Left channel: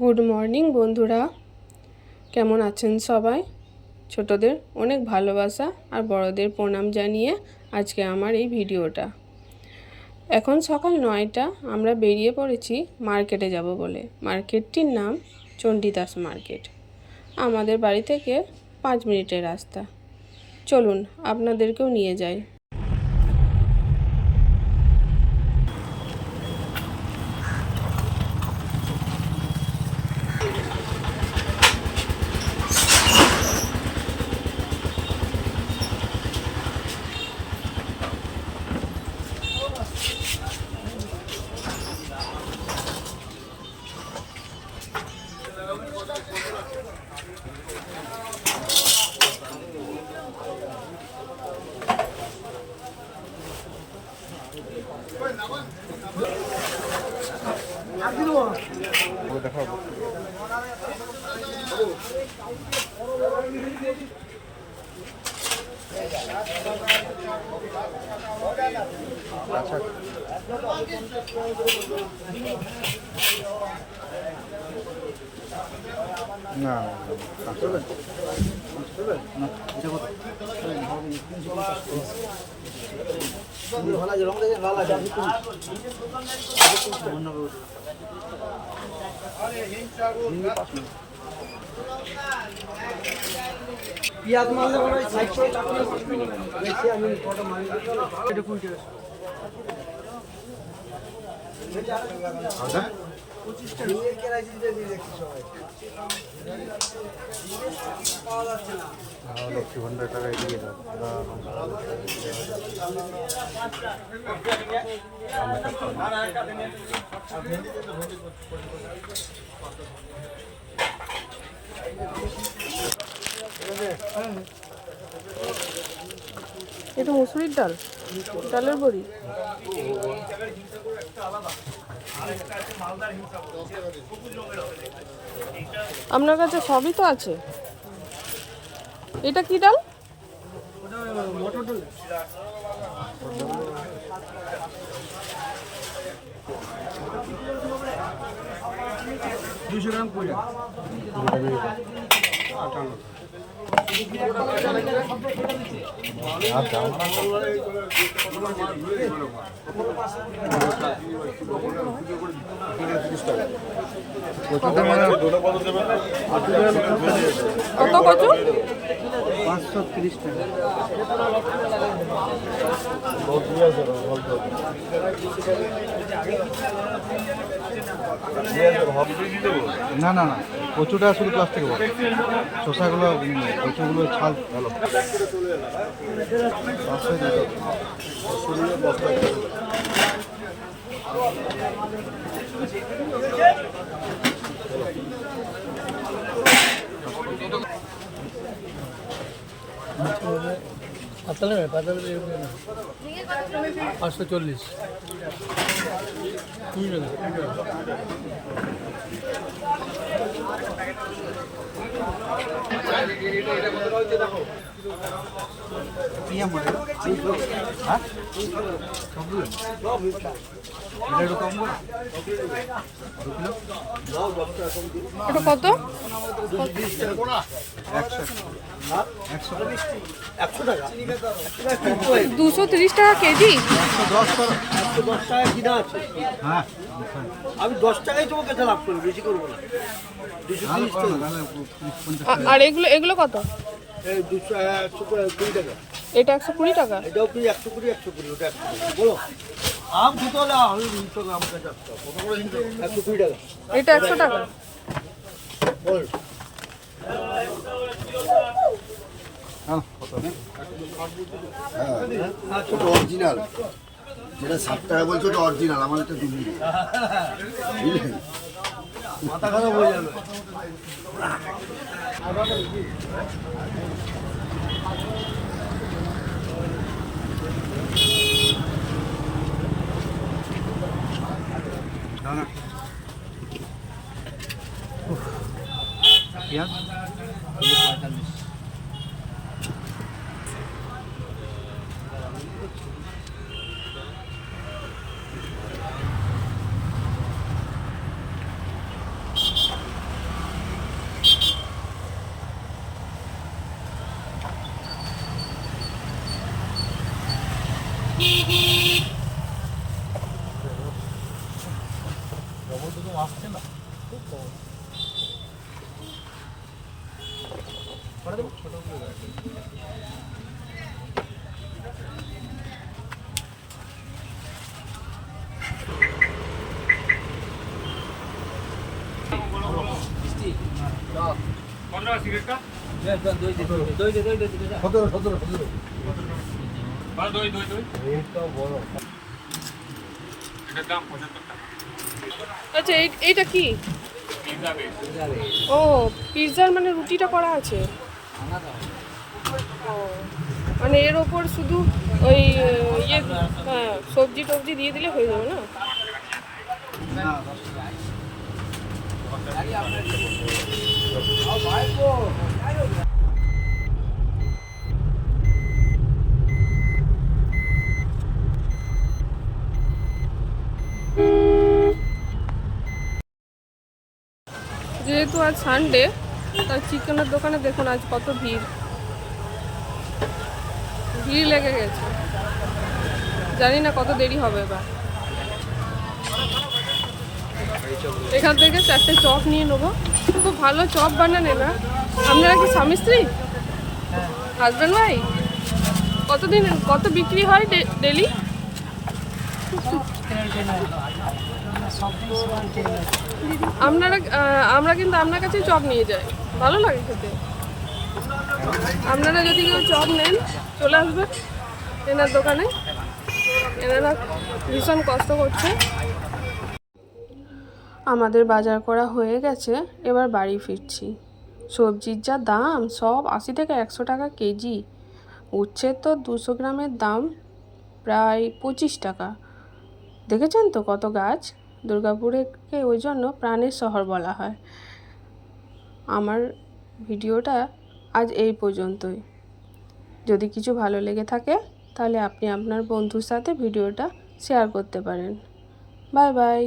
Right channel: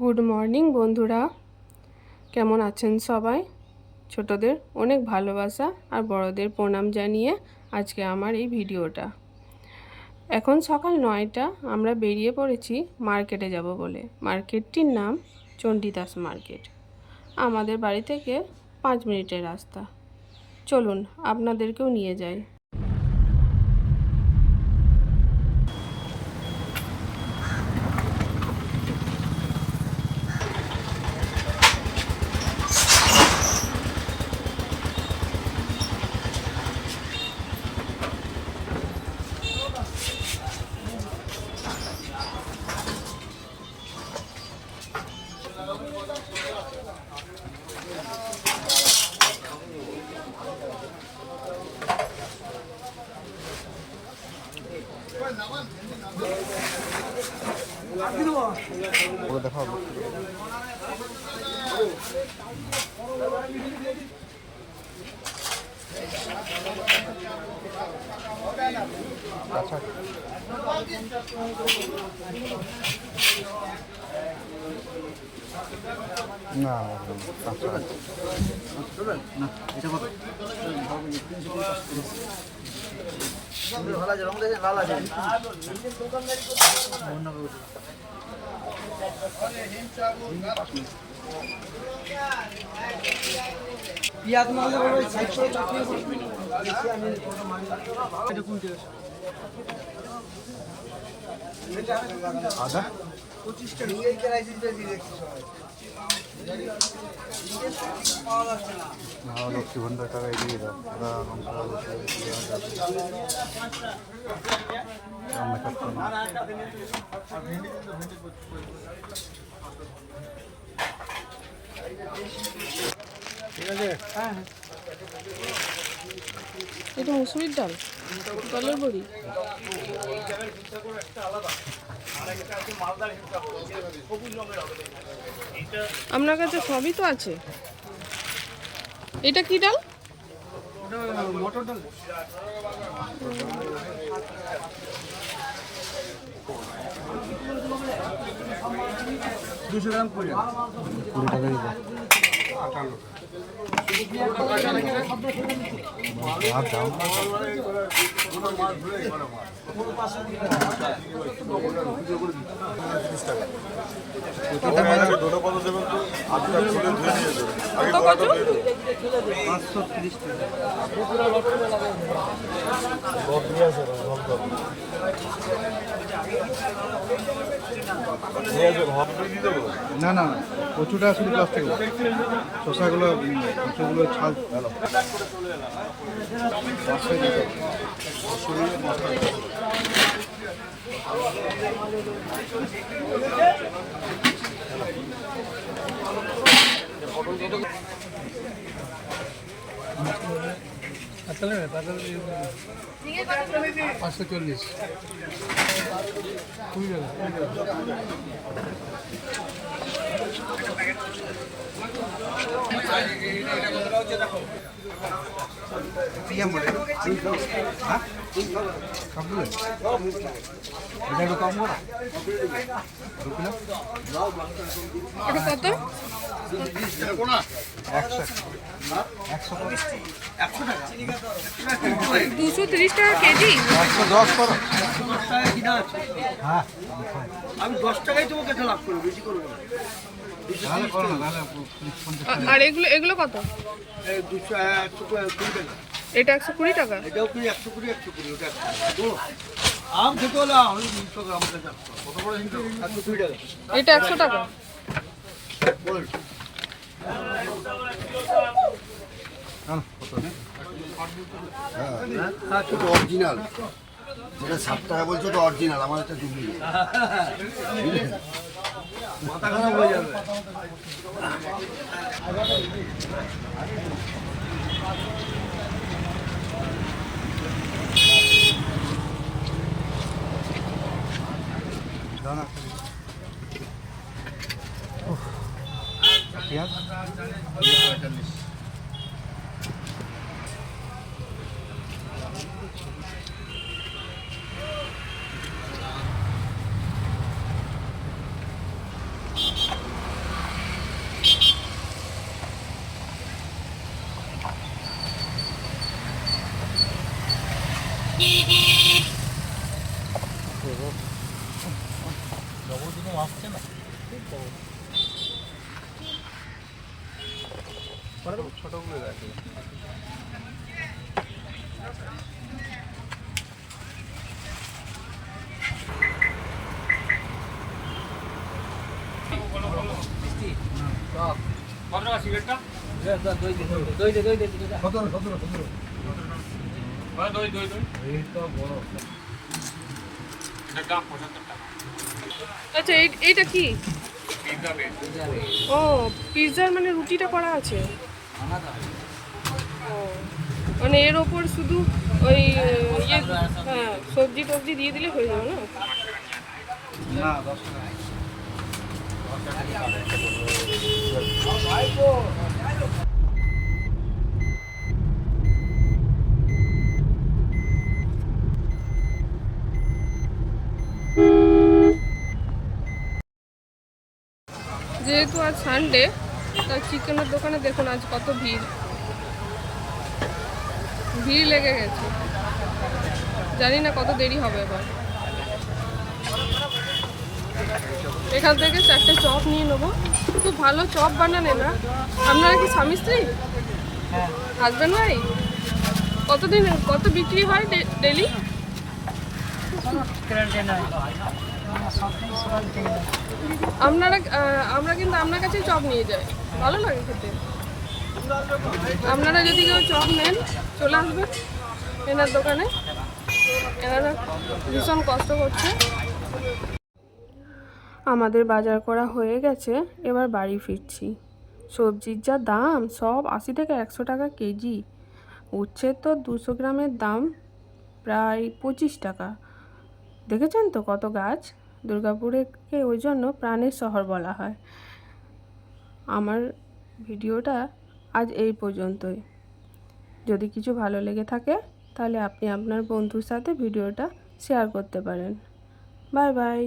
Good morning বন্ধুরা, কেমন আছেন সবাই? ছোটদের অনেক ভালোবাসা আর বড়দের প্রণাম জানিয়ে আজকে আমার এই ভিডিওটা। এখন সকাল 9টা, আমরা বেরিয়ে পড়েছি মার্কেটে যাব বলে। মার্কেটটির নাম চণ্ডীদাস মার্কেট। আমাদের বাড়ি থেকে 5 মিনিটের রাস্তা। চলুন আপনাদেরকেও নিয়ে যাই। পিয়াজ মারলে বলে সাইড করে চাকরি আমি ফটো মারি এটা কোন ঠিক আছে 25 টাকা নিয়ে কে রাইসিস বেশি দেখছি সবাই একটু ঘন্টা টাকা দিয়ে দাও এটা মুসুরির ডাল, ডালের বড়ি। আপনার কাছে সবই তো আছে। এটা কি ডাল? ওটা মটর ডাল। 200 গ্রাম 20 টাকা। 20 টাকা। কত কচু? কত কচু? 530 টাকা। না না না, কচুটা শুধু প্লাস্টিক, শসাগুলো কচুগুলো ছাল ভালো। পাতলা 540 এটা কত? 230 টাকা কেজি। 10 টাকা কিনা আছে। হ্যাঁ, আমি 10 টাকাই তোমাকে লাভ করি, বেশি করবো না। আর এগুলো এগুলো কত? এই 120 টাকা। এটা 120 টাকা। এটাও কি 120 ওটা 120 বলো। আম খেতে হলে আমাকে যাচ্ছে কত করে 120 টাকা। এটা 100 টাকা। বল হ্যাঁ ছোট অরিজিনাল, যেটা 60 টাকা বলছো ওটা অরিজিনাল, আমার একটা ডুপ্লিকেট। মাথা খারাপ হয়ে যাবে। ये 45। আচ্ছা এইটা কি? ও পিৎজার মানে রুটিটা করা আছে। ও মানে এর ওপর শুধু ওই ইয়ে হ্যাঁ সবজি টবজি দিয়ে দিলে হয়ে যাবে না? যেহেতু আজ সানডে তাই চিকেনের দোকানে দেখুন আজ কত ভিড় লেগে গেছে। জানি না কত দেরি হবে এবার। এখান থেকে 4টে চপ নিয়ে নেবো। খুব ভালো চপ বানান এরা। আপনারা কি স্বামী স্ত্রী, হাজব্যান্ড ওয়াইফ? কত বিক্রি হয় ডেলি? আমরা কিন্তু আপনার কাছে চপ নিয়ে যাই, ভালো লাগে খেতে। আপনারা যদি কেউ চপ নেন চলে আসবেন এনার দোকানে। এনারা ভীষণ কষ্ট করছে। আমাদের বাজার করা হয়ে গেছে, এবার বাড়ি ফিরছি। সবজির যা দাম, সব 80 থেকে 100 টাকা কেজি। উচ্ছে তো 200 গ্রামের দাম প্রায় 25 টাকা। দেখেছেন তো কত গাছ। দুর্গাপুরকে ওই জন্য প্রাণের শহর বলা হয়। আমার ভিডিওটা আজ এই পর্যন্তই। যদি কিছু ভালো লেগে থাকে তাহলে আপনি আপনার বন্ধুর সাথে ভিডিওটা শেয়ার করতে পারেন। Bye bye.